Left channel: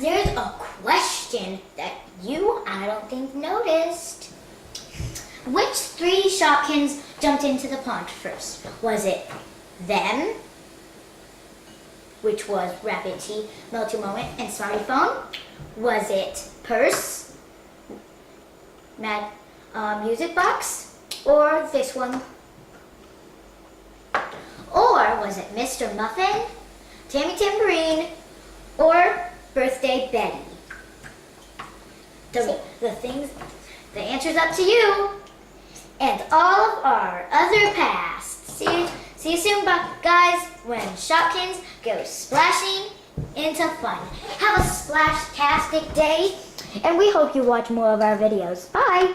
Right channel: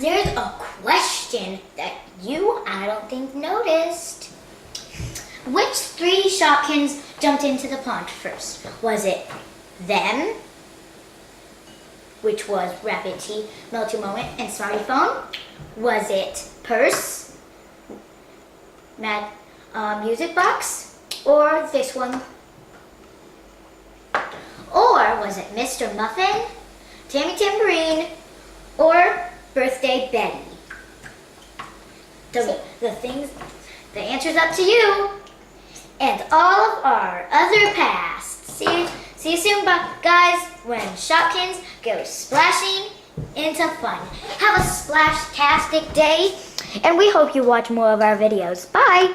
There's a question that I don't think, noticed. Which three Shopkins jumped into the pond first? Was it them, which was Rabbit Tea, Melty Moment, and Smarty Phone? Was it Purse, Mad Music Box, or this one? Or was it Mr. Muffin, Tammy Tambourine, or Birthday Betty? The answer's up to you. And all of our other past. See you soon, guys, when Shopkins goes splashing into fun. Have a splash-tastic day, and we hope you watch more of our videos. Bye!